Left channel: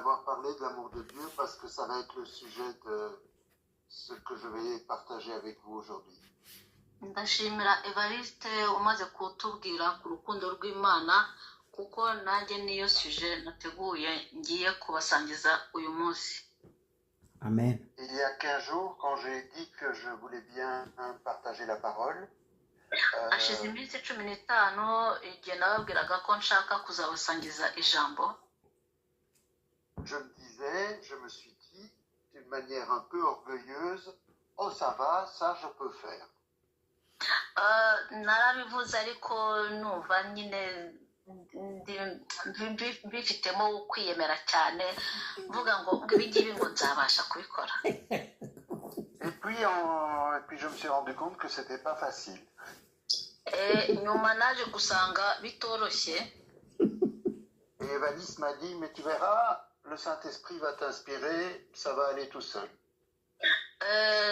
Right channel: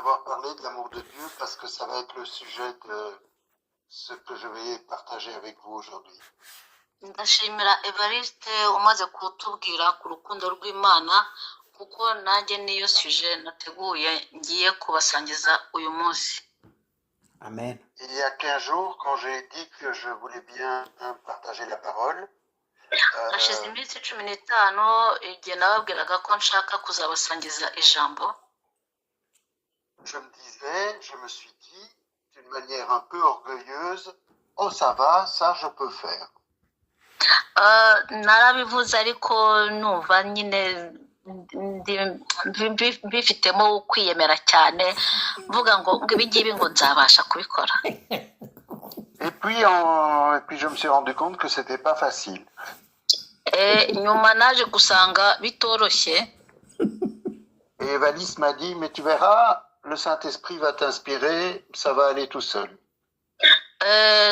d'avoir parlé de l'amour de Dieu parce que ça va être le sujet de ce que je vais partager avec vous aujourd'hui. ndashimira Evariste umaze kutubwira ku rukundo rw'Imana kuko nanjye niyo sujet nateguye ngiye kubasangiza uyu munsi. Amen. Il y a 15 jours, quand j'ai dit que je voulais bien partager la parole, hashize iminsi 15 igihe nababwiraga ko nshaka kuzabasangiza ijambo. je me suis dit, d'une manière un peu orgueilleuse, oh ça va, ça je peux faire. Narabivuze ariko numva nyine bifitemo kwiyemera cyane mvuga ngo ibingibi ngo nzabasha kubikora. Et puis je me suis rendu compte que c'était pas facile. Nyuma naje gusanga bitoroshye. Et Evalis m'a dit, mais tu verras, le Saint-Esprit va t'inspirer, ça va aller tout seul.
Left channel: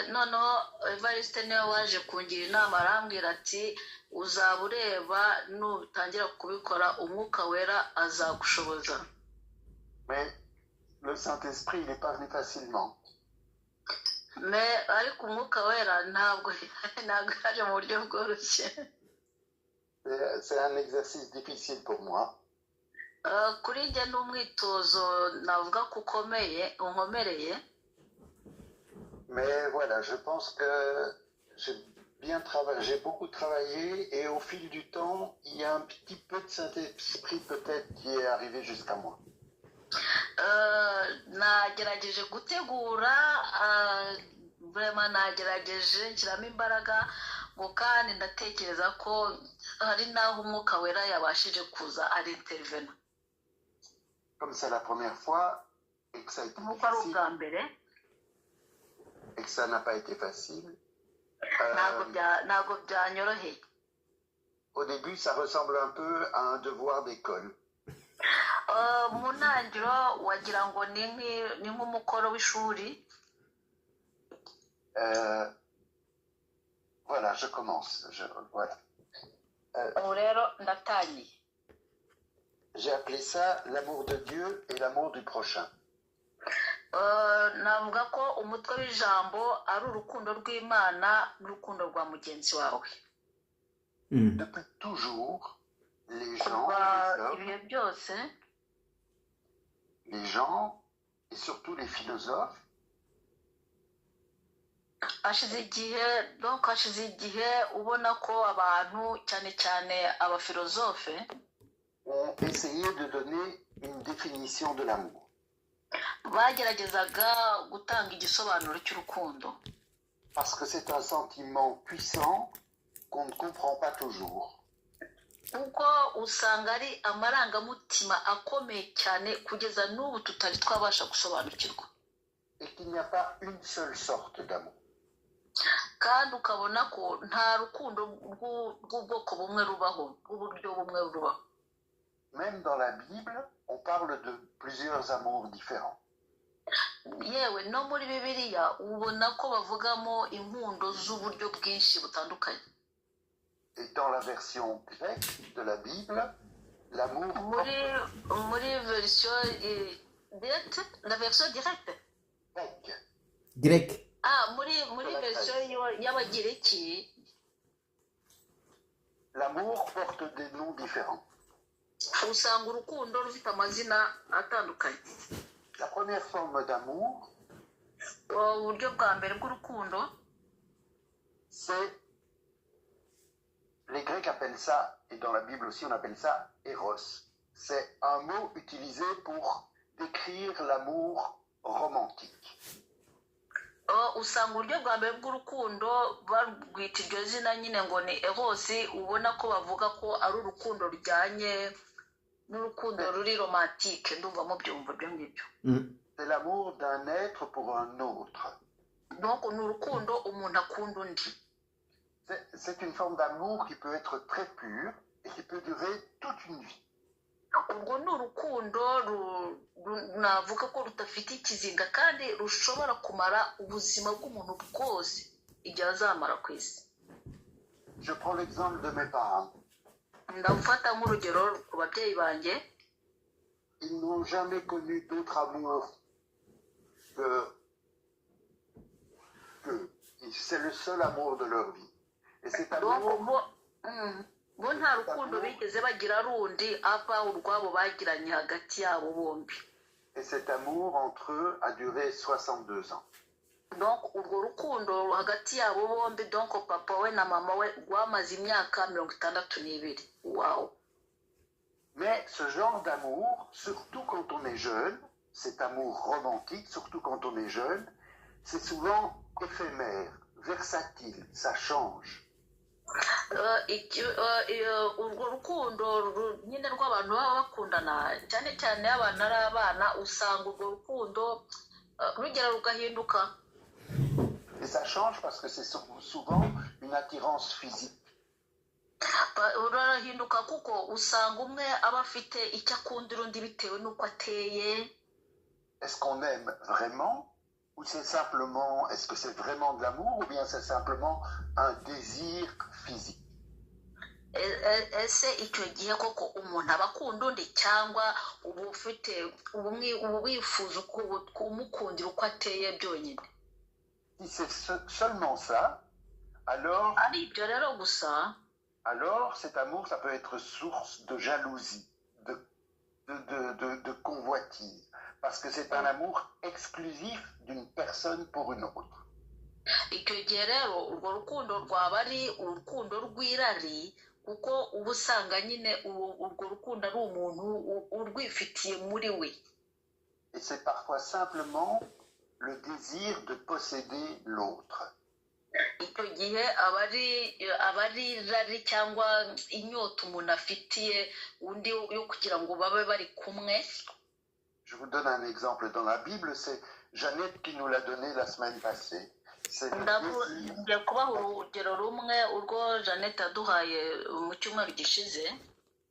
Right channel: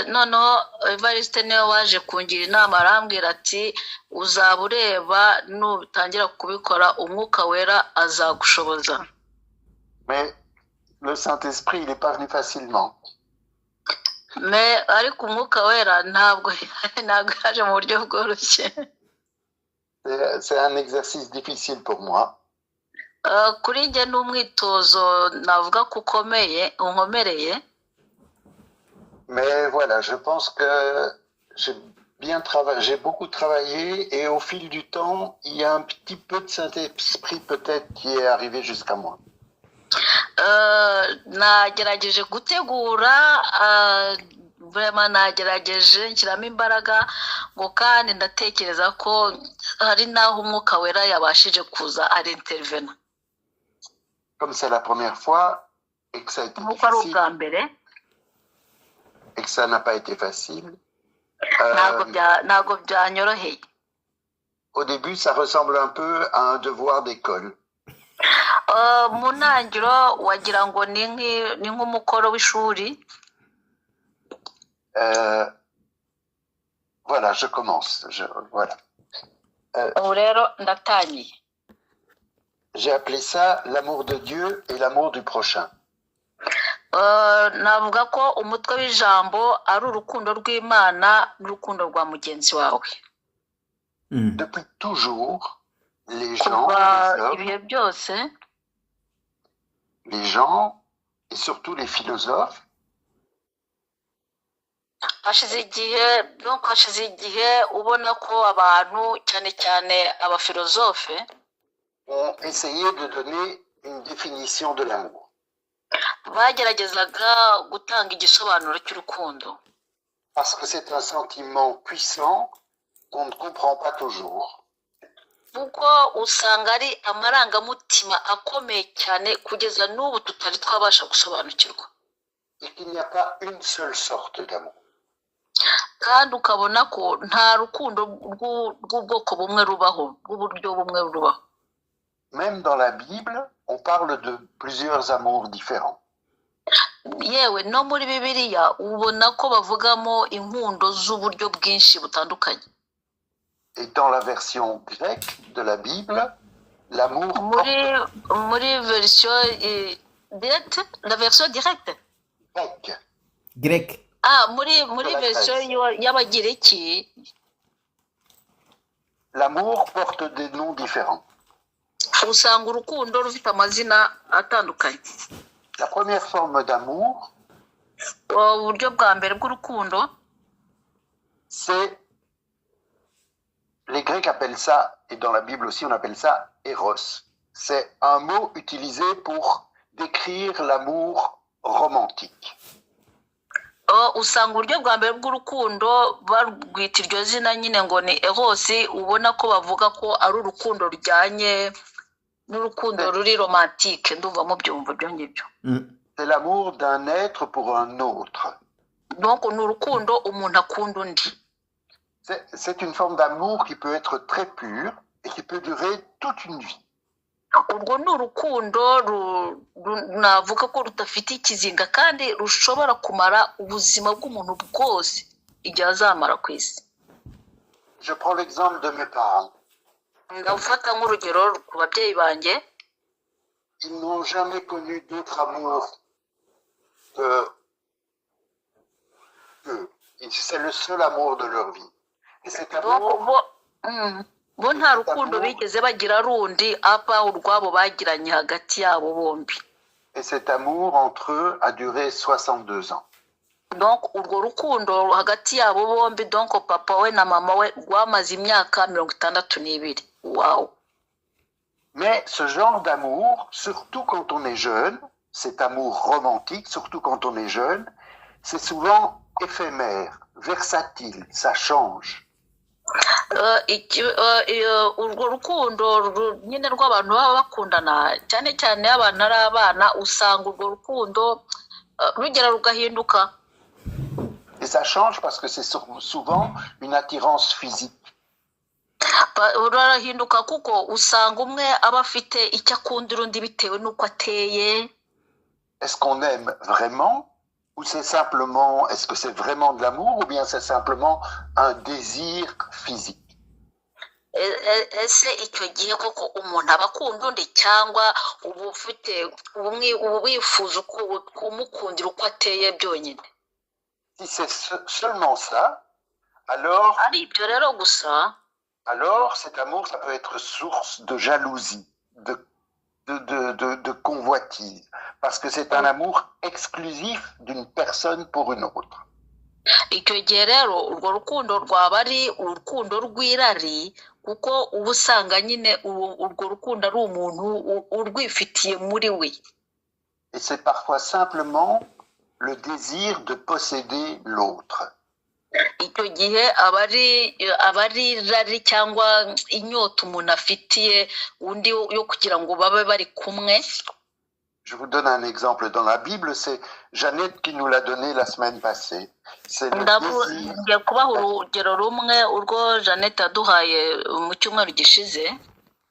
Noneho Evariste niwe waje kungira inama arambwira ati uzaba ureba nutangira kubikora umwuka wera azagushoboza. Mais le Saint-Esprit, il n'est pas venu facilement. Mais ariko umwuka wera ntabwo yaje mu buryo bworoshye. C'est un exercice difficile pour moi. Kuri njye n'umwitozo navuga ko unkomereye. Mais voilà, je pense que j'ai beaucoup travaillé et au fil du temps, il y a un petit peu de Saint-Esprit peut-être qui est arrivé jusqu'à moi. Nagerageje gutegura vraiment nagerageje nshyiramo imbaraga ngo kandi ndatekereza ko hari naho umwuka wera yabashije kuza ari intervena. Comme c'est la première fois et que ça a été difficile et que ça n'a pas été facile. Ntabwo byanyoroheye. Au début, ça ressemble un peu à un devoir d'école. Mu ntangiriro wagira ngo ni nk'umukoro w'ishuri. Voilà, je commence. Voilà. Rero ndatangiye. J'ai appelé ça l'amour de Dieu et l'amour du prochain. Navuga ko umutwe w'ijambo ari urukundo rw'Imana n'urukundo rwa mugenzi wawe. Depuis toujours, les gens et surtout les philosophes hashize igihe ubona ko abantu cyane cyane abafilozofe ont essayé de donner une définition de l'amour. Bageragezaga gutanga igisobanuro cy'urukundo. Parce que c'est un sentiment puissant qu'on ne comprend pas toujours. Kuko usanga ari amarangamutima akomeye cyane kugeza n'ubu tutari twabasha gusobanukirwa. Et qu'il n'y a pas une seule sorte d'amour. Kandi ukabona ko nta rukundo rw'ubwoko bumwe rubaho, rw'uburyo bumwe rubaho. Même dans la Bible, on parle de plusieurs amours différents. Yewe no muri Bibiliya ubona ko bavugamo inkundo z'uburyo bwinshi butandukanye. Et dans la version grecque de la Bible, l'amour muri version directe, la version directe. Grec. Muri version y'Abagiriki. L'amour porte des noms différents. Usanga urukundo rufite amazina atandukanye. La première forme d'amour, uburyo bwa mbere bw'urukundo, c'est, les Grecs appellent ça, et dans la Bible aussi on appelle ça Eros. C'est un mot utilisé pour décrire l'amour romantique. Usanga uburyo bwa mbere bw'urukundo barwita iryo zina nyine ngo ni Eros, ubona ko bavuga ko ari urukundo rujyanye n'urukundo ruri romantique. Ndumva mu byumva byo ngibyo. C'est l'amour d'un être pour un autre. Donc ni urukundo umuntu akunda undi. C'est une forme d'amour qui peut être très pure et qui peut durer toute une vie. Urwo ni urukundo navuga ko rudafite ikizinga kandi rushobora kumara ubuzima bw'umuntu bwose igihe azamara ku isi. Je prends l'exemple de mes parents. Ndafata nk'urugero ku babyeyi banjye. ils n'ont jamais connu d'autre amour que c'est le seul amour de leur vie. Et cet donc amour, bo nta rukundo bigeze bagira rundi apa urwabo bagiranye hagati yabo bombi. et cet amour entre eux a duré 62 ans. Donc urwo rukundo hagati yabo bombi, donc papa we na mama we rwamaze imyaka 62. Wow. Mais ce genre d'amour, surtout quand on est jeune, cet amour romantique, surtout quand on est jeune, c'est souvent éphémère, versatile, ça change. Urwo rukundo nyine rw'abantu baba bakundana cyane cyane abana ari abana, usanga urwo rukundo rugera rugahinduka. Et ça change parce que c'est souvent une attirance physique. Rurahinduka kuko usanga umwe aba afite icyo akundira undi bitewe n'uko ateye. Est-ce qu'on aime vraiment ou c'est simplement, est-ce que c'est vraiment de l'amour ou bien c'est simplement un désir physique? Ese icyo gihe koko umuntu aba akunda undi cyangwa uba ufite uba wifuza kumukundira uko ateye byonyine? Si c'est seulement ça, alors ari ibyo rero gusa, alors cet amour, ça peut être source de jalousie, de convoitise, parce que c'est un amour exclusif d'une personne pour une autre. icyo gihe rero urwo rukundo rwaba ari urukundo rw'irari, kuko uba usanga nyine urwo rukundo ari umuntu urwifitiye muri we. Et c'est parfois simplement le désir de posséder l'autre. icyo gihe aba ari irari cyangwa inyota umuntu afitiye undi yo kugira ngo babe bari kumwe. Je vous donne un exemple dans la Bible, c'est Jeannette qui nous l'a donné la semaine passée. C'est le désir. Ngiye kubaha urugero rumwe urwo Jeannette aduhaye mu cyumweru gishize.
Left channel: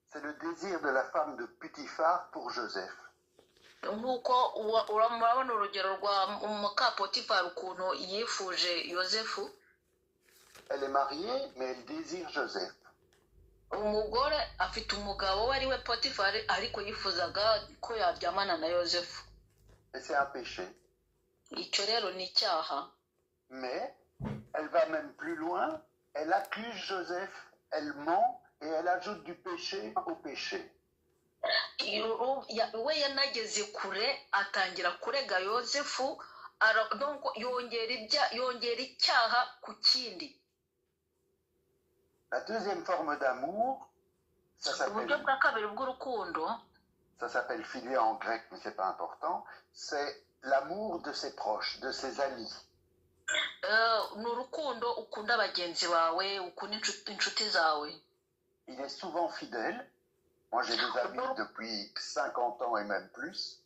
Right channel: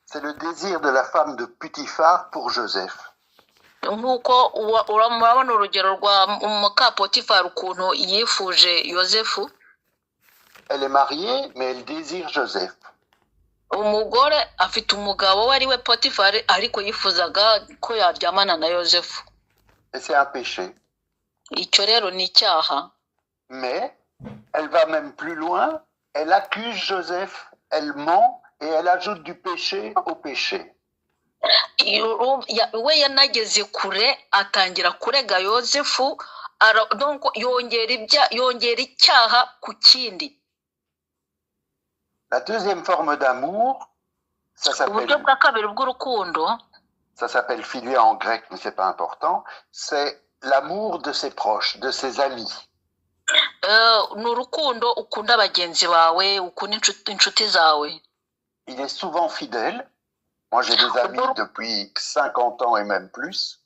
C'est le désir de la femme de Potiphar pour Joseph. Nk'uko urabona urugero rwa muka Potifari ukuntu yifuje Yosefu. Elle est mariée, mais elle désire Joseph. Umugore afite umugabo we ari we Potifari, ariko yifuzaga ko yaryamana na Yosefu. Et c'est un péché. Icyo rero ni icyaha. Mais elle va même plus loin, elle accuse Joseph, elle ment et elle ajoute du péché au péché. We yanageze kure atangira kurega Yosefu, donc yongera icyaha ku kindi. La deuxième forme d'amour, ça s'appelle philia en grec, mais c'est pas important, c'est l'amour de ses proches, de ses amis. N'urukundo ukunda bagenzi bawe, ukunda inshuti zawe. Il est souvent fidèle. Moi, j'ai des amis depuis 50 ans et même plus.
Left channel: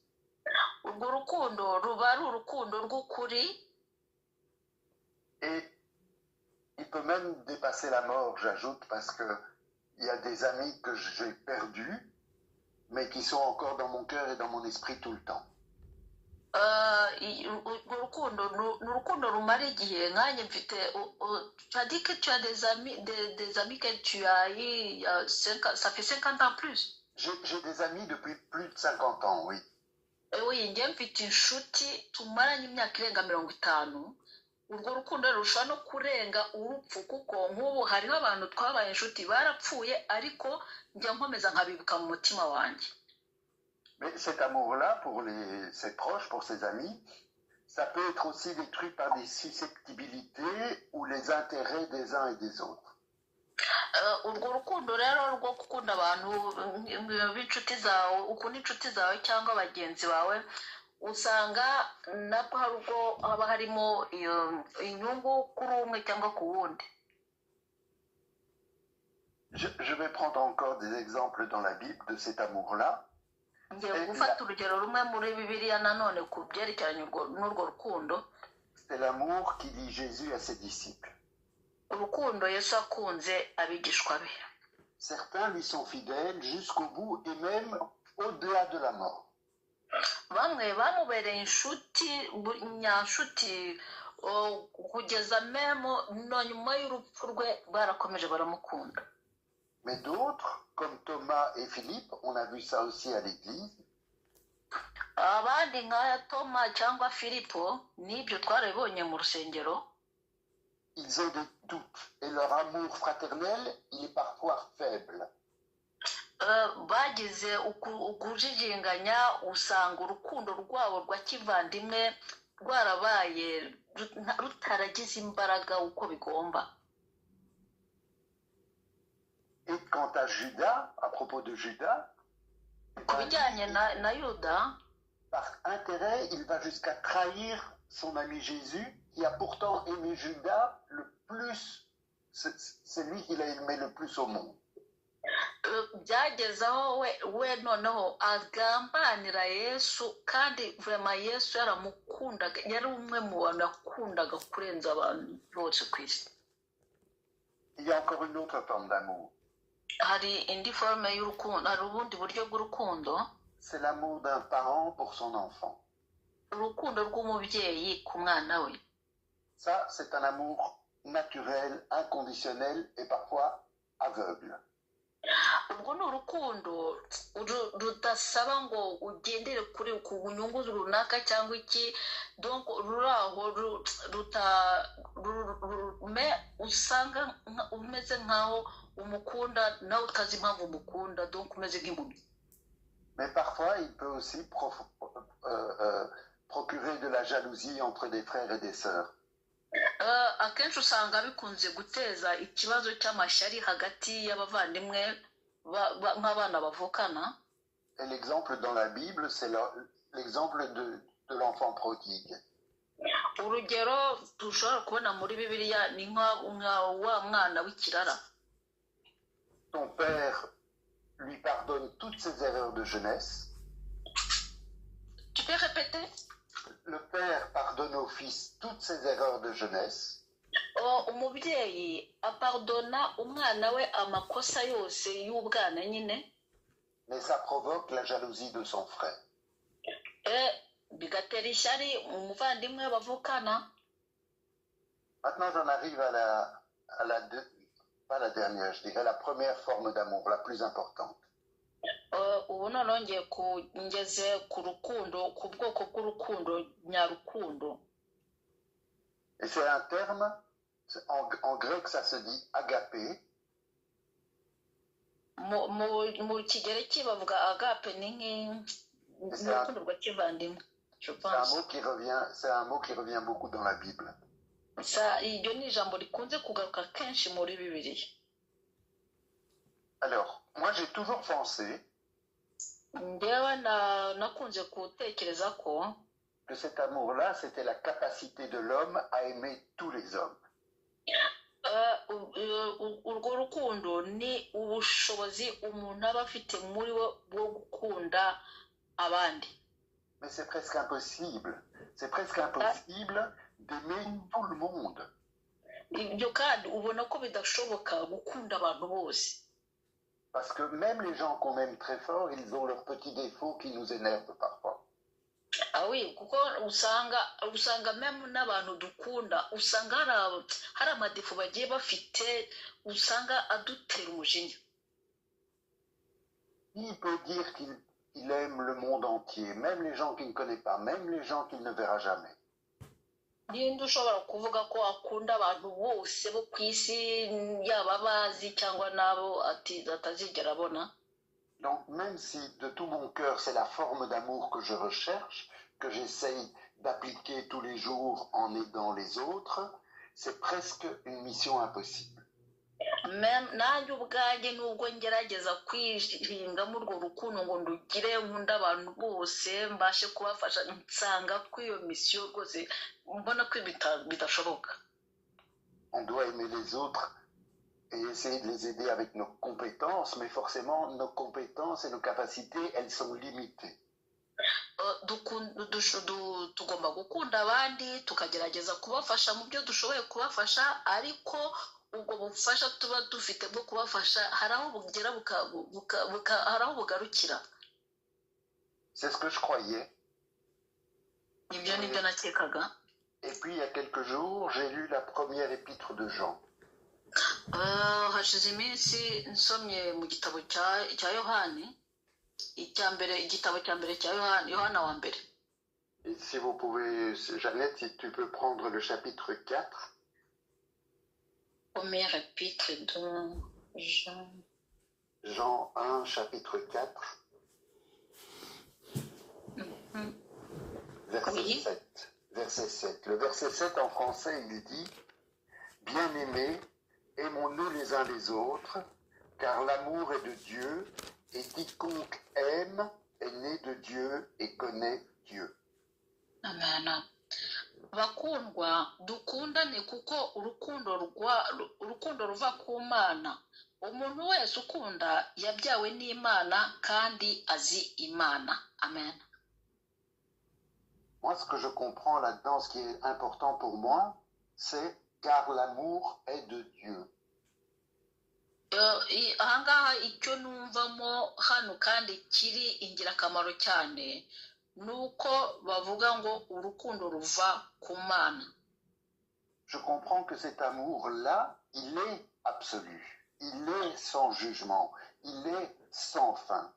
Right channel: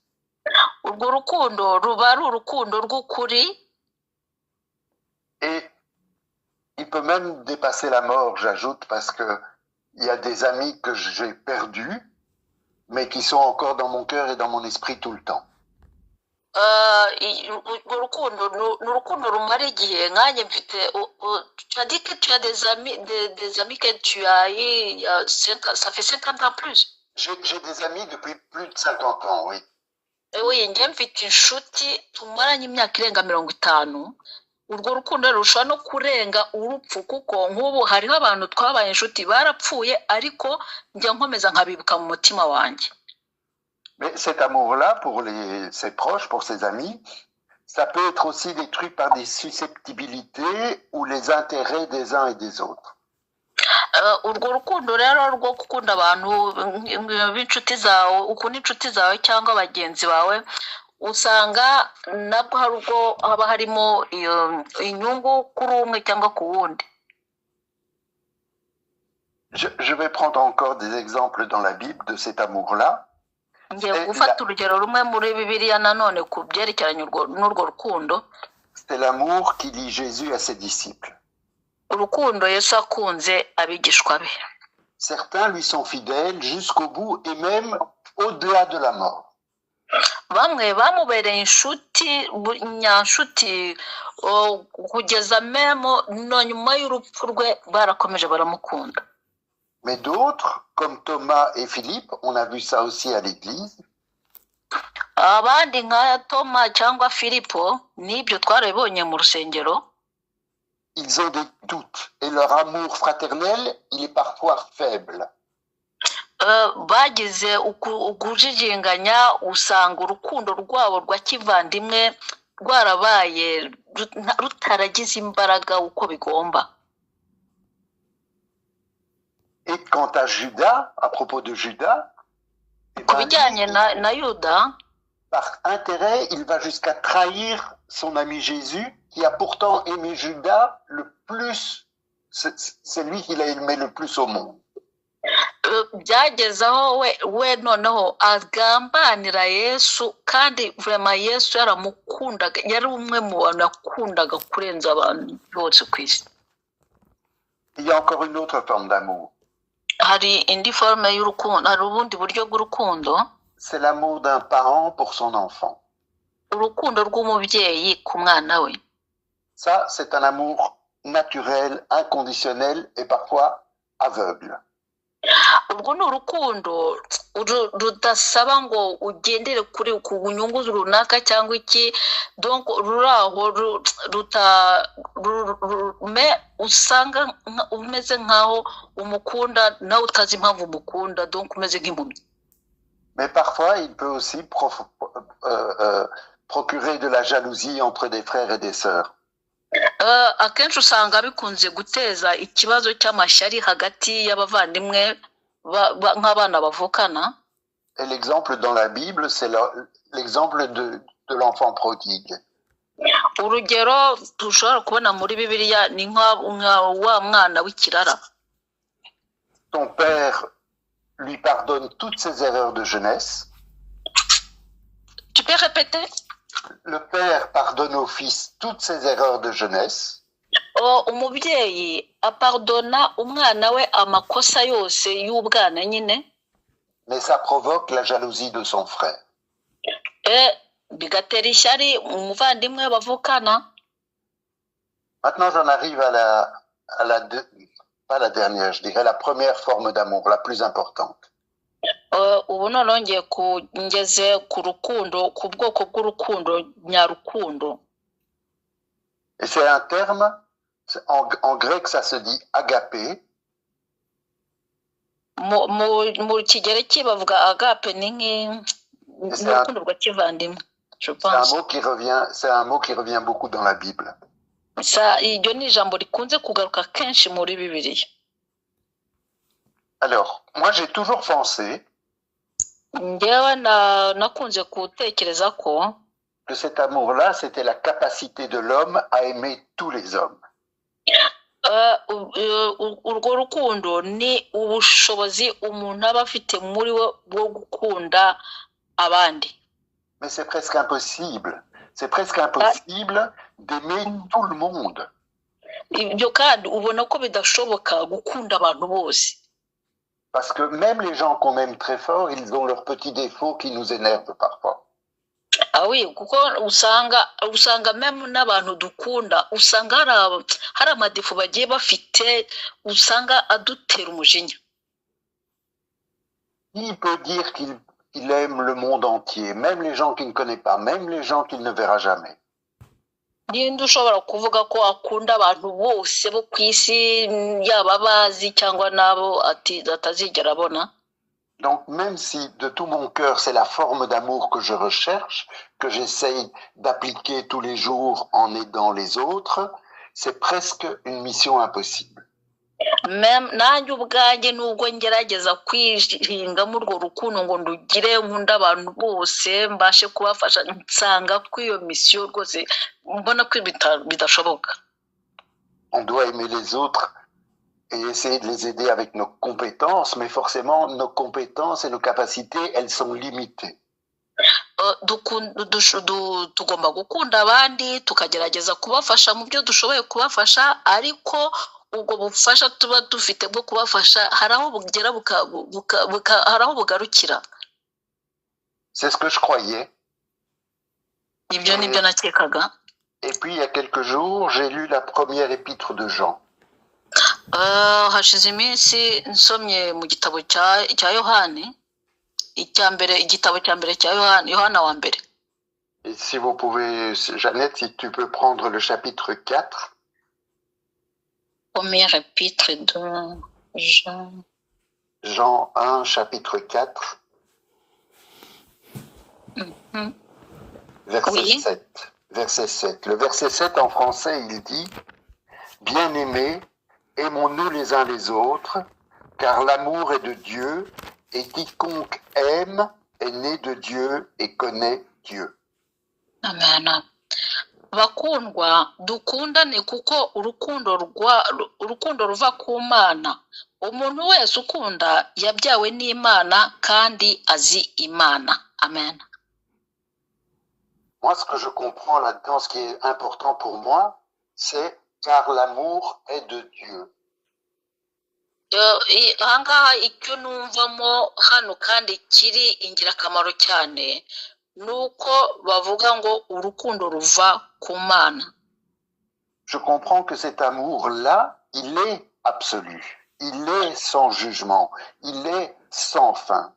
Urwo rukundo ruba ari urukundo rw'ukuri. Et il peut même dépasser la mort, j'ajoute, parce que il y a des amis que j'ai perdus, mais qui sont encore dans mon cœur et dans mon esprit tout le temps. Urukundo rumara igihe, nkanjye mfite, tu as dit que tu as des amis que tu as eu, ça fait 50 ans plus. J'ai des amis depuis plus de 50 ans, oui. Oui, njye mfite inshuti tumaranye imyaka irenga 50. Urwo rukundo rushobora no kurenga urupfu, kuko nk'ubu hariho abantu twabaye inshuti barapfuye, ariko njya nkomeza nkabibuka mu mutima wanjye. Mais cet amour-là, pour ses proches, pour ses amis, ça peut être aussi détruit par des susceptibilités ou les intérêts des uns et des autres. Urwo rukundo rero rwo gukunda abantu b'inshuti zawe, ukunda inshuti zawe cyangwa bagenzi bawe, usanga nabwo hari ubwo haba harimo inyungu kuri umwe cyangwa ku wundi. Je vais prendre encore des exemples dans la Bible de cet amour-là. Ngiye gufata urugero rumwe muri Bibiliya nanone ku byerekeranye n'urwo rukundo. C'est l'amour qui lie Jésus à ses disciples. Urukundo Yesu akunze abigishwa be. Certains lui sont fidèles jusqu'au bout et même au-delà de la mort. Bamwe bamubereye inshuti, nyanshuti, kugeza memo no nyuma y'urupfu rwe barakomeje baramukunda. Mais d'autres, comme Thomas et Philippe, on a vu ça aussi à l'église. abandi nka Toma cyangwa Filipo n'ibyo twarabibonye mu rusengero. Ils ont des doutes et leur amour fraternel, il est parfois faible. Bagize ukujijinganya, usanga urukundo rwabo rwa kivandimwe rwarabaye rutaragize imbaraga uko bigomba. Et quant à Judas, à propos de Judas, ku bijyanye na Yuda, par intérêt, il va jusqu'à trahir son ami Jésus, qui a pourtant aimé Judas le plus. C'est lui qu'il a aimé le plus au monde. byageze aho we noneho agambanira Yesu, kandi vraiment Yesu yaramukundaga, yari umwe mu bantu yakundaga kurenza abantu bose ku isi. Il y a encore une autre forme d'amour. Hari indi forme y'urukundo, hari ubundi buryo bw'urukundo. C'est l'amour d'un parent pour son enfant. Urukundo rw'umubyeyi ku mwana we. Ça, c'est un amour naturel, inconditionnel et parfois aveugle. Urwo ni urukundo rudasaba ngo ugendere kuri ku nyungu runaka cyangwa iki, donc ruraho usanga umeze nkaho umukunda nawe utazi impamvu umukunda, donc umeze nk'impumyi. Mais parfois, il peut aussi procurer de la jalousie entre des frères et des sœurs. Akenshi usanga bikunze guteza ikibazo cy'amashyari hagati y'abavandimwe nk'abana bavukana. Et l'exemple dans la Bible, c'est l'exemple de l'enfant prodigue. Urugero dushobora kubona muri Bibiliya ni nka wa mwana w'ikirara. Ton père lui pardonne toutes ses erreurs de jeunesse. Tu peux répéter? Le père pardonne au fils toutes ses erreurs de jeunesse. Umubyeyi apardona umwana we amakosa yose y'ubwana nyine. Mais ça provoque la jalousie de son frère. Bigatera ishyari umuvandimwe bavukana. Maintenant, j'en arrive pas la dernière, je dirais la première forme d'amour, la plus importante. Ubu noneho ngeze ku rukundo, ku bwoko bw'urukundo nyarukundo. Et c'est un terme, en grec ça se dit agapé. Mu kigereki bavuga agape, ni nk'urukundo rwa kivandimwe, je pense. C'est un mot qui revient beaucoup dans la Bible. Iryo ni ijambo rikunze kugaruka kenshi muri Bibiliya. Alors, moi j'ai toujours pensé que cet amour-là, c'était la capacité de l'homme à aimer tous les hommes. Urwo rukundo ni ubushobozi umuntu aba afite muri we bwo gukunda abandi. Mais c'est presque impossible. C'est presque impossible d'aimer tout le monde. Ibyo kandi ubona ko bidashoboka gukunda abantu bose. Parce que même les gens qu'on aime très fort, ils ont leurs petits défauts qui nous énervent parfois. Ah oui, kuko usanga même n'abantu dukunda usanga hari amadefu bagiye bafite, usanga adutera umujinya. Il peut dire qu'il aime le monde entier, même les gens qu'il ne connaît pas, même les gens qu'il ne verra jamais. Ninde ushobora kuvuga ko akunda abantu bose bo ku isi, yaba bazi cyangwa nabo atazigera abona? Donc même si de tout mon cœur c'est la forme d'amour que je recherche, que j'essaye d'appliquer tous les jours en aidant les autres, c'est presque une mission impossible. Même nanjye ubwanjye nubwo ngerageza kwihingamo urwo rukundo ngo ndugire nkunda abantu bose mbashe kubafasha, nsanga ko iyo mission rwose mbona ko bidashoboka. On doit aimer les autres et essayer de les aider avec nos compétences, mais forcément nos compétences et nos capacités, elles sont limitées. Tugomba gukunda abandi, tukagerageza kubafasha mu byo dushoboye kubafasha, ariko ubwo bufasha tuba dufite bwo kubafasha hari aho bugera hari aho bugarukira. C'est ce que je croyais. Ibyo nibyo nakekaga. Et puis il y a quelques jours, j'ai lu la première épître de Jean. Hashize iminsi nsomye mu gitabo cya Yohani. igitabo cya mbere cya Yohana wa mbere. Et si vous pouvez, Jeannette, si tu peux prendre le chapitre 4. Premier épître de Jean. Jean 1, chapitre 4. Verset Oui. 7. Verset 7. Le verset 7 en français, il dit « Bien-aimés, aimons-nous les uns les autres, car l'amour est de Dieu, et quiconque aime est né de Dieu et connaît Dieu. » Amen. Bakundwa dukundane kuko urukundo ruva ku Mana. Umuntu wese ukunda yabyawe n'Imana kandi azi Imana. Amen. Moi, ce que je comprends là-dedans, ce qui est important pour moi, c'est car l'amour est de Dieu. Ahangaha icyo numvamo hano kandi kiri ingirakamaro cyane nuko bavuga ngo urukundo ruva ku Mana. Je comprends que cet amour-là, il est absolu, il est sans jugement, il est sans fin.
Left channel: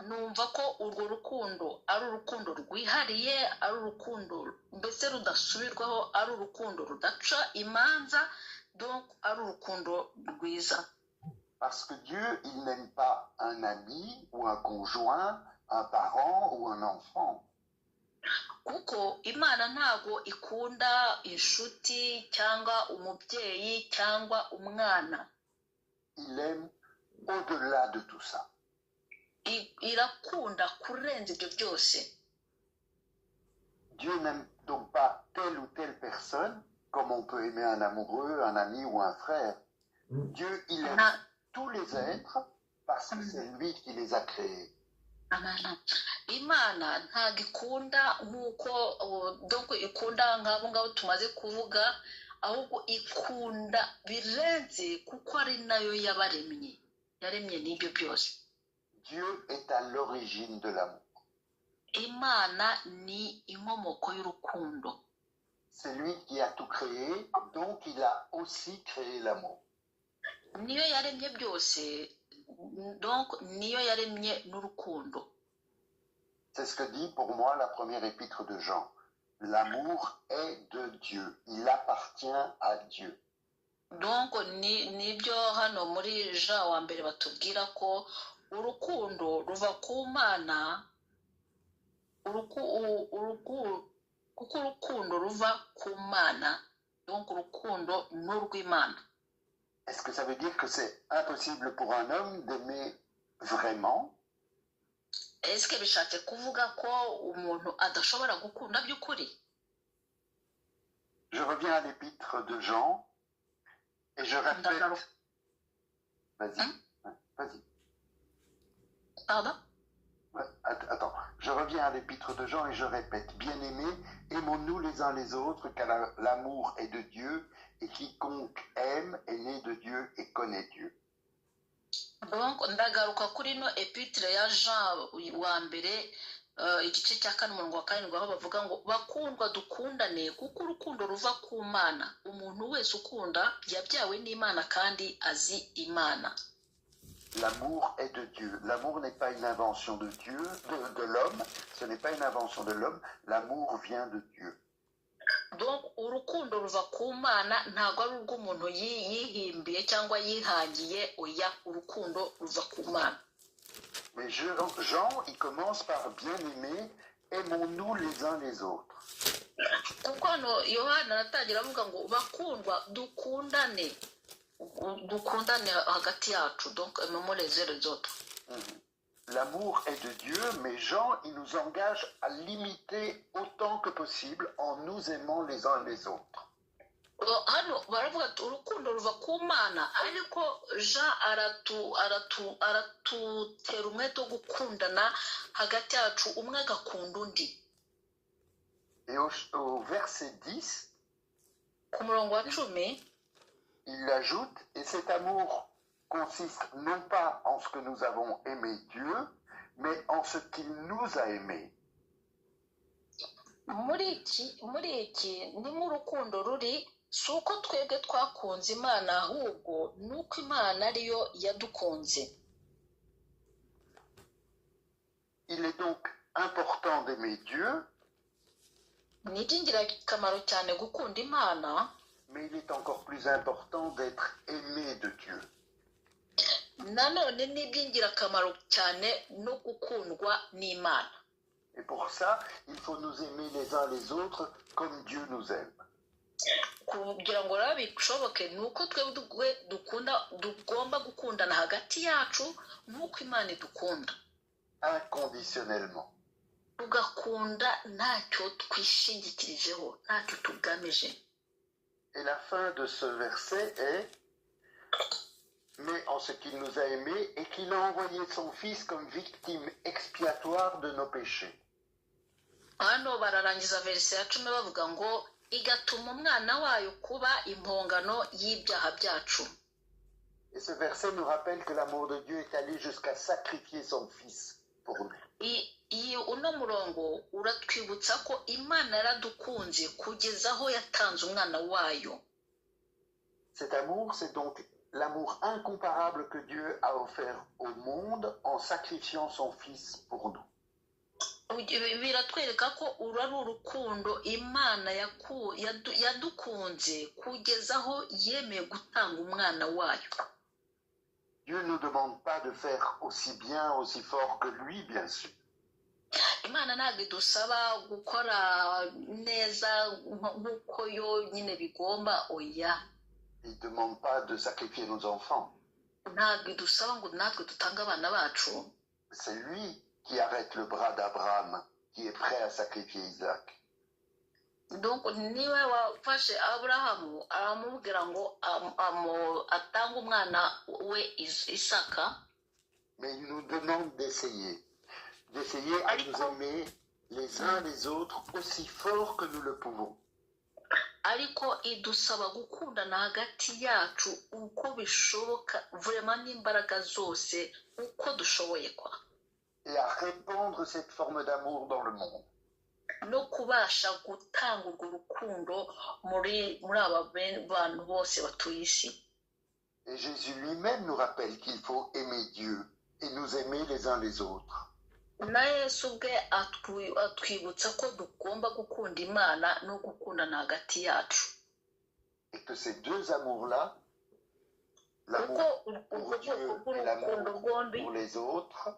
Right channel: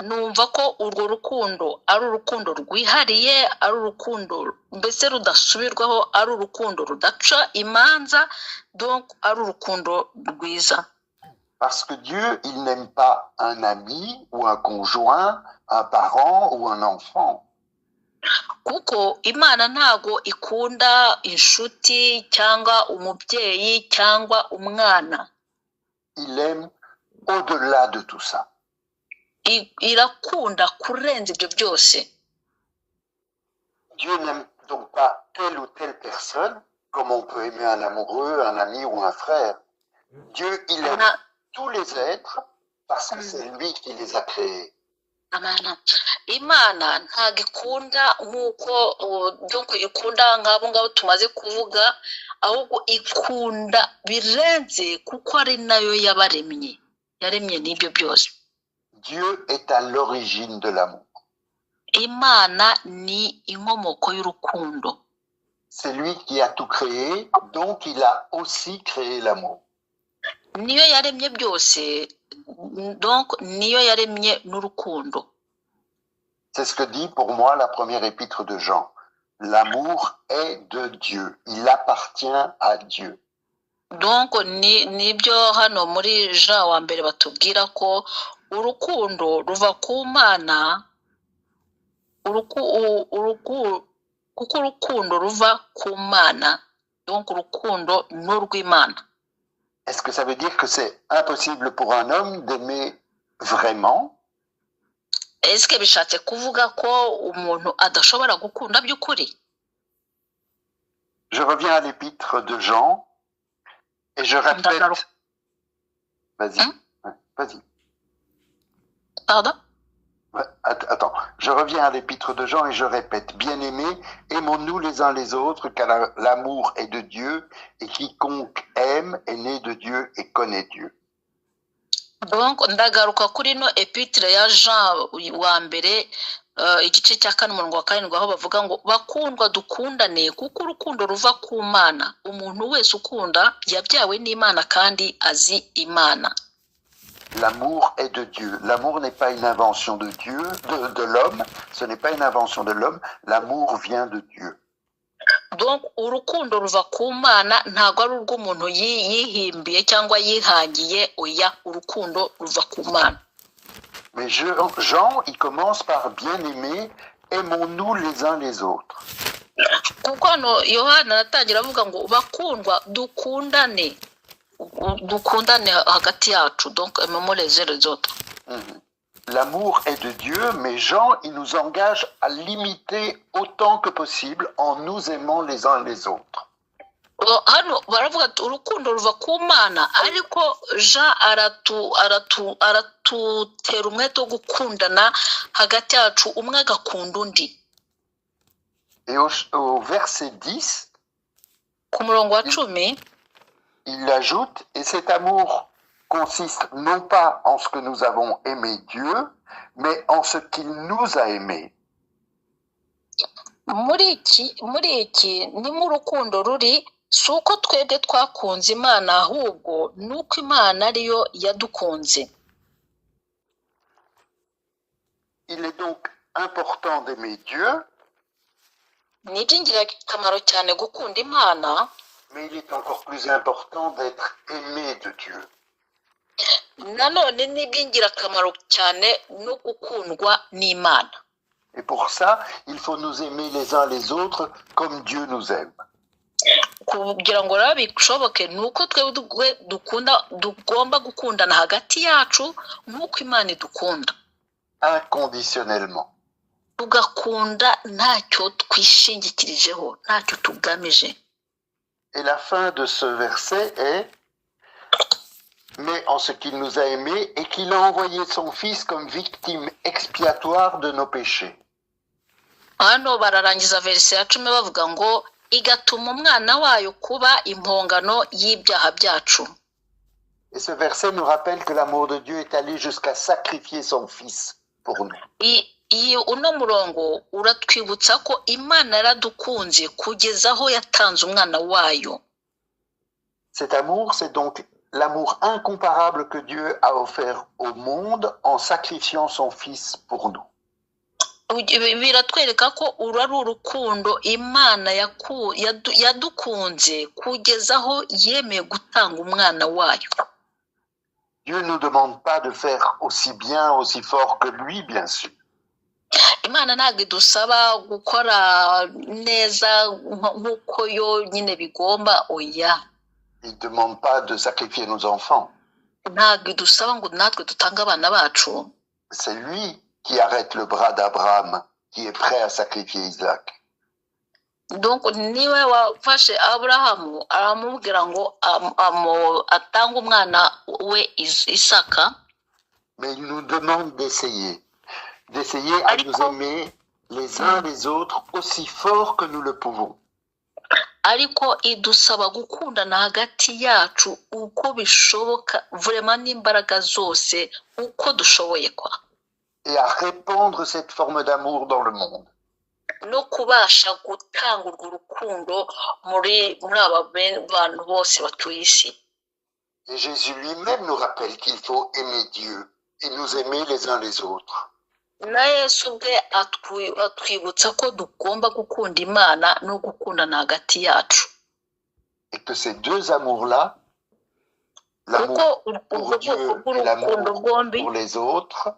Numva ko urwo rukundo ari urukundo rwihariye, ari urukundo mbese rudasubirwaho, ari urukundo rudaca imanza, donc ari urukundo rwiza. Parce que Dieu, il n'aime pas un ami ou un conjoint, un parent ou un enfant. Kuko Imana ntago ikunda inshuti cyangwa umubyeyi cyangwa umwana. Il aime au-delà de tout ça. Irakunda kurenza ibyo byose. Dieu n'aime donc pas telle ou telle personne, comme on peut aimer un amoureux, un ami ou un frère. Dieu, il aime tous les êtres parce que c'est lui qui les a créés. Amen. Imana ntago ikunda nk'uko donc ikunda nk'abo ngabo tumaze kuvuga, ahubwo ikunda birenze kuko ari nayo yabaremye, yaremye n'ibyo byose. Dieu est à l'origine de l'amour. Imana ni inkomoko y'urukundo. C'est lui qui a tout créé, donc il a aussi créé l'amour. Niyo yaremye byose, donc niyo yaremye n'urukundo. C'est ce que dit pour moi la première épître de Jean. L'amour est de Dieu, il appartient à Dieu. Donc nibyo hano muri Jean wa mbere batubwira ko urukundo ruva ku Mana, kuko urukundo ruva ku Mana, donc urukundo n'urw'Imana. Est-ce que ça veut dire que c'est impossible pour un homme d'aimer vraiment? Est-ce que bishatse kuvuga ko umuntu adashobora gukunda by'ukuri? Je reviens à l'épître de Jean et je répète. Vas-y, vas-y. Pardon? Attends, je reviens à l'épître de Jean et je répète. Bien-aimés, aimons-nous les uns les autres, car l'amour est de Dieu, et quiconque aime est né de Dieu et connaît Dieu. Donc ndagaruka kuri no epître ya Jean wa mbere igice cya 4:7 aho bavuga ngo bakundwa dukundane kuko urukundo ruva ku Mana. Umuntu wese ukunda yabyawe n'Imana kandi azi Imana. L'amour est de Dieu. L'amour n'est pas une invention de Dieu, de l'homme. Ce n'est pas une invention de l'homme. L'amour vient de Dieu. Donc urukundo ruva ku Mana, ntago ari urw'umuntu yihimbiye cyangwa yihangiye, oya, urukundo ruva ku Mana. Mais Jean, il commence par bien-aimés, aimons-nous les uns les autres. Kuko no Yohana atangira avuga ngo bakundwa dukundane hagati yacu, donc aimons les uns les autres. L'amour est de Dieu, mais Jean, il nous engage à l'imiter autant que possible en nous aimant les uns les autres. Hano baravuga ati urukundo ruva ku Mana, ariko Jean aratutera umwete wo gukundana hagati yacu, umwe agakunda undi. Et au verset 10, ku murongo wa 10, il ajoute, et cet amour consiste non pas en ce que nous avons aimé Dieu, mais en ce qu'il nous a aimés. Muri iki ni mu rukundo ruri, si uko twebwe twakunze Imana, ahubwo nuko Imana ariyo yadukunze. Il est donc important d'aimer Dieu, ni iby'ingirakamaro cyane gukunda imana, mais il est encore plus important d'être aimé de Dieu. nanone ni iby'ingirakamaro cyane no gukundwa n'imana. Et pour ça, il faut nous aimer les uns les autres comme Dieu nous aime. Kugira ngo rero bishoboke ni uko twebwe tugomba gukundana hagati yacu nk'uko imana idukunda, Inconditionnellement. tugakunda ntacyo twishingikirijeho, ntacyo tugamije. Et la fin de ce verset est « Mais en ce qu'il nous a aimés et qu'il a envoyé son Fils comme victime expiatoire de nos péchés. » Hano bararangiza verse ya 10 bavuga ngo igatuma umwana wayo kuba impongano y'ibyaha byacu. Et ce verset nous rappelle que l'amour de Dieu est allé jusqu'à sacrifier son Fils pour nous. Uno murongo uratwibutsa ko imana yaradukunze kugeza aho yatanze umwana wayo. Cet amour, c'est donc l'amour incomparable que Dieu a offert au monde en sacrifiant son Fils pour nous. Biratwereka ko uru ari urukundo imana yadukunze kugeza aho yemeye gutanga umwana wayo. Dieu ne nous demande pas de faire aussi bien, aussi fort que lui, bien sûr. Imana ntabwo idusaba gukora neza nk'uko yo nyine bigomba, oya. Il ne demande pas de sacrifier nos enfants. Ntabwo idusaba ngo natwe dutange abana bacu. C'est lui qui arrête le bras d'Abraham, qui est prêt à sacrifier Isaac. Donc niwe wafashe Aburahamu aramubwira ngo atange umwana we Isaka. Mais il nous demande d'essayer à nous aimer les uns les autres aussi fort que nous le pouvons. Ariko idusaba gukundana hagati yacu uko bishoboka, vraiment n'imbaraga zose uko dushoboye kwa. Et à répandre cette forme d'amour dans le monde. No kubasha gutanga urwo rukundo muri aba bantu bose batuye isi. Et Jésus lui-même nous rappelle qu'il faut aimer Dieu et nous aimer les uns les autres. Na Yesu ubwe atwibutsa ko dugomba gukunda Imana no gukundana hagati yacu. Et que ces deux amours-là, l'amour pour Dieu et l'amour pour les autres,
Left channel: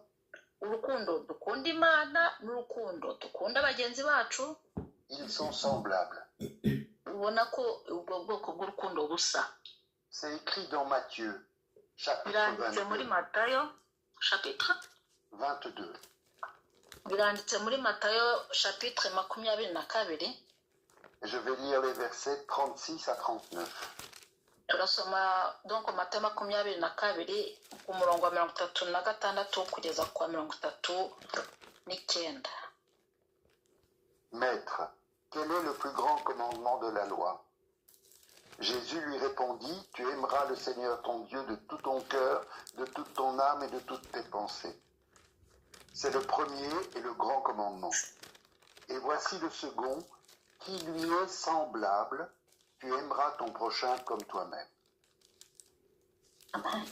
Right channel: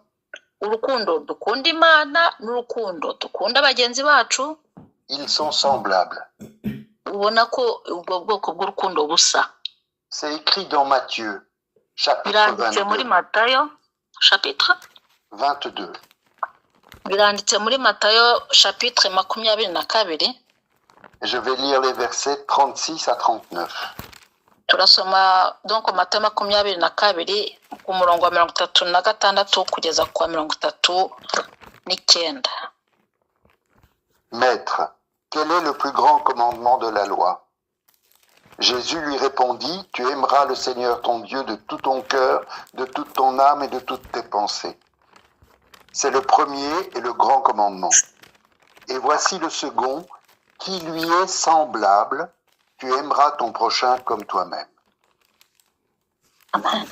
urukundo dukunda Imana n'urukundo dukunda bagenzi bacu, ils sont semblables. Ubona ko ubwo bwoko bw'urukundo busa. C'est écrit dans Matthieu, chapitre Biranditse muri 22. Matayo, chapitre 22. Biranditse muri Matayo, chapitre 22. Je vais lire les versets 36 à 39. Turasoma donc Matayo 22 ku murongo wa 36 kugeza kwa 39. Maître, quel est le plus grand commandement de la loi? Jésus lui répondit, tu aimeras le Seigneur ton Dieu de tout ton cœur, de toute ton âme et de toutes tes pensées. C'est le premier et le grand commandement. Et voici le second, qui lui est semblable, tu aimeras ton prochain comme toi-même. Amen.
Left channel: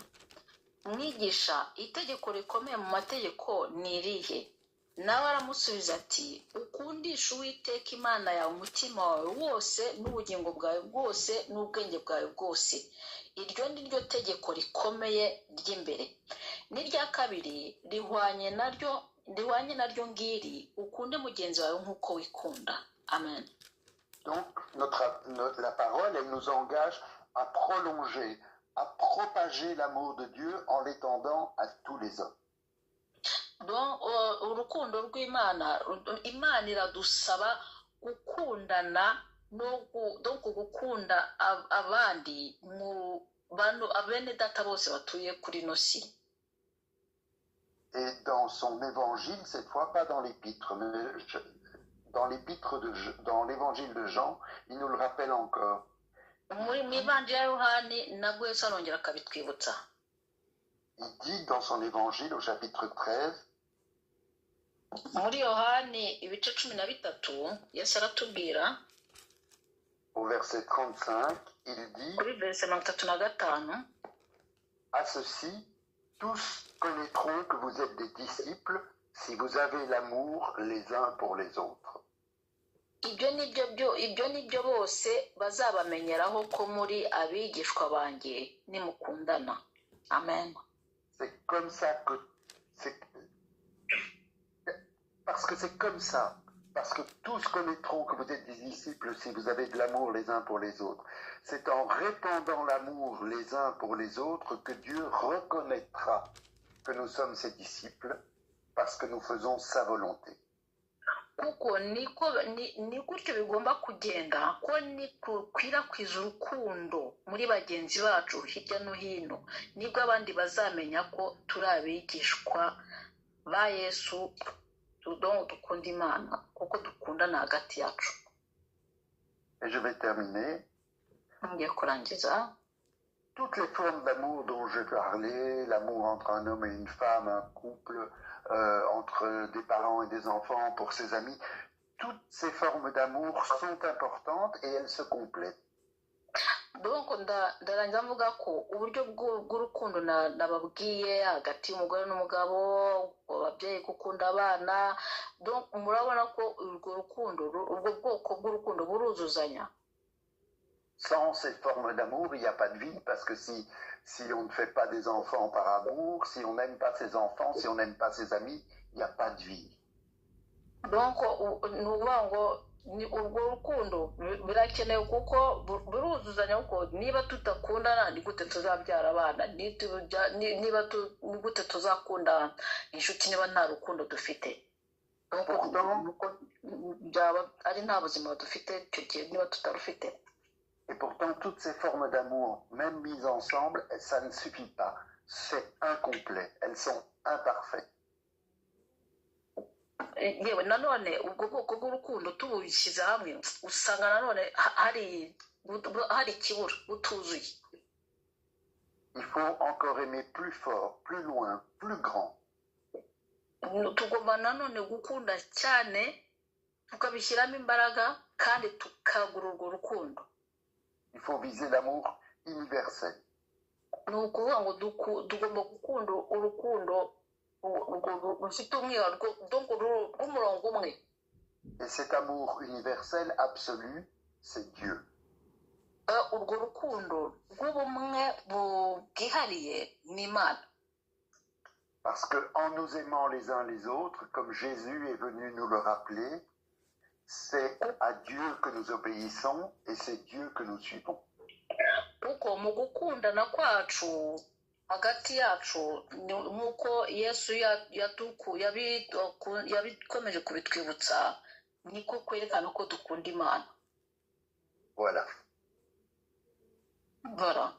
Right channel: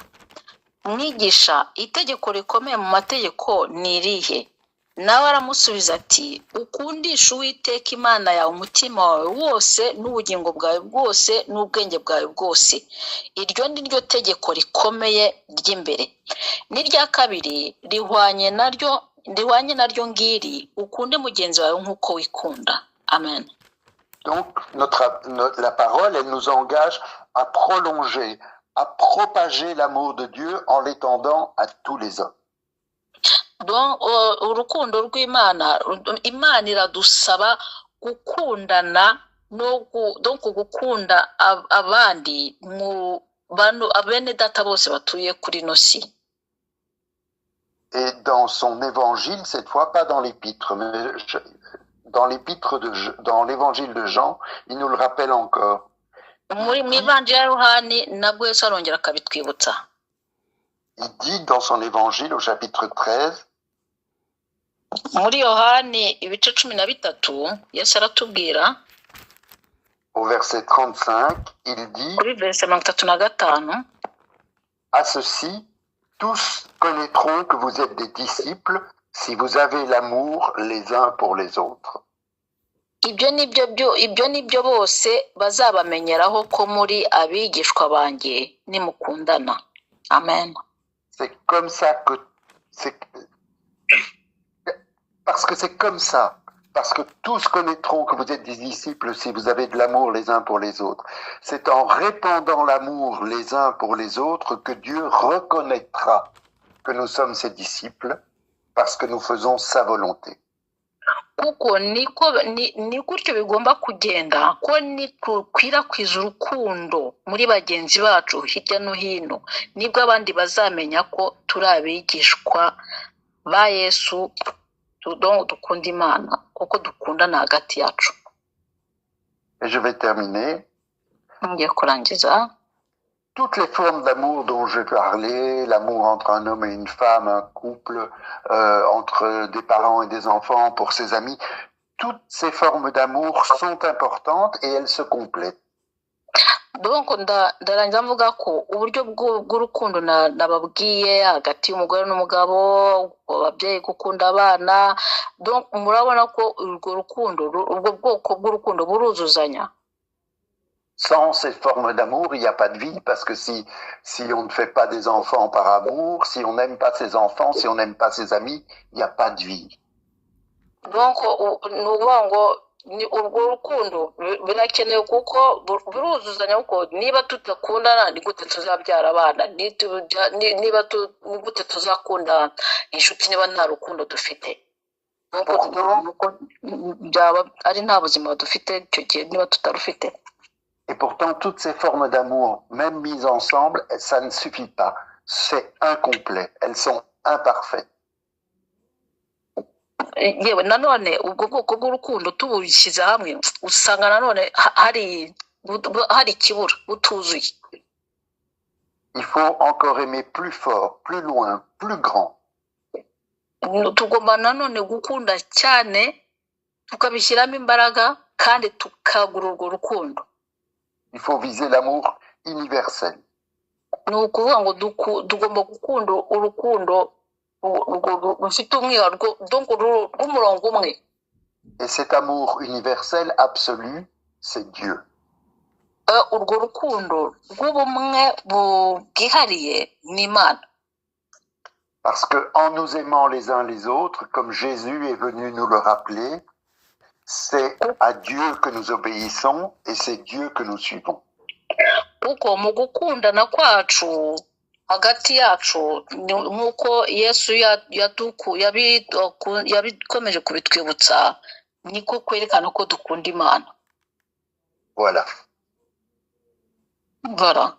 Mwigisha, itegeko rikomeye mu mategeko ni irihe? Nawe aramusubiza ati, ukundisha Uwiteka Imana yawe umutima wawe wose n'ubugingo bwawe bwose n'ubwenge bwawe bwose. Iryo ni ryo tegeko rikomeye ry'imbere. N'irya kabiri rihwanye naryo ngiri, ukunde mugenzi wawe nk'uko wikunda. Amen. Donc, la parole, elle nous engage à prolonger, à propager l'amour de Dieu en l'étendant à tous les hommes. Donc, urukundo rw'Imana, Imana iradusaba gukundana donc gukunda abandi mu bantu abene data bose batuye kuri no si. Et dans son évangile, cette fois pas dans l'épître, mais dans l'évangile de Jean, il nous le rappelle encore. Muri mw'Ivanjili ya Yohani nabwo Yesu arongera akabitwibutsa. Il dit dans son évangile au chapitre 13, muri Yohani ibice 13 Yesu aratubwira, au verset 35, il dit, kuri verse 35, à ceci, tous connaîtront que vous êtes des disciples si vous avez l'amour les uns pour les autres. ibyo nibyo bose bazabamenyeraho ko muri abigishwa banjye nimukundana. Amen. C'est comme ça que parce que c'est comme ça. Parce que tous connaîtront que vous êtes des disciples si vous avez de l'amour les uns pour les autres. C'est en répandant l'amour les uns pour les autres que Dieu reconnaîtra que nous sommes ses disciples parce que nous faisons sa volonté. Kuko ni gutyo bigomba kugenda, ko nikwirakwiza urukundo muri bagenzi bacu hirya no hino, nibwo abandi bazamenya ko turi abigishwa ba Yesu, dukunda Imana kuko dukundana hagati yacu. Et je vais terminer. Ngiye kurangiza. Toutes les formes d'amour dont j'ai parlé, l'amour entre un homme et une femme, un couple, entre des parents et des enfants, pour ses amis, toutes ces formes d'amour sont importantes et elles se complètent. Donc ndarangiza mvuga ko uburyo bw'urukundo nababwiye hagati y'umugore n'umugabo, ababyeyi gukunda abana, donc murabona ko urwo rukundo, ubwo bwoko bw'urukundo buruzuzanya. Sans ces formes d'amour, il n'y a pas de vie, parce que si on ne fait pas des enfants par amour, si on n'aime pas ses enfants, si on n'aime pas ses amis, il n'y a pas de vie. Donc nuvuga ngo ni urwo rukundo birakenewe kuko buruzuzanya, kuko niba tutakundana ni gute tuzabyara abana, niba ni gute tuzakunda inshuti niba nta rukundo dufite, byaba ari nta buzima dufite icyo gihe niba tutarufite. Et pourtant, toutes ces formes d'amour, même mises ensemble, ça ne suffit pas. C'est incomplet. Elles sont imparfaites. Yewe nanone ubwo bwoko bw'urukundo tubushyize hamwe usanga nanone hari ikibura, butuzuye. Il faut encore aimer plus fort, plus loin, plus grand. Tugomba nanone gukunda cyane, tukabishyiramo imbaraga kandi tukagura urwo rukundo. Il faut viser l'amour universel. Ni ukuvuga ngo tugomba gukunda urukundo rufite umwihariko, rw'umurongo umwe. Et cet amour universel absolu, c'est Dieu. Urwo rukundo rw'ubumwe bwihariye ni Imana. Parce que en nous aimant les uns les autres, comme Jésus est venu nous le rappeler, c'est à Dieu que nous obéissons et c'est Dieu que nous suivons. Kuko mu gukundana kwacu hagati yacu, nk'uko Yesu yabikomeje kubitwibutsa, niko kwerekana ko dukunda Imana. Voilà. Voilà.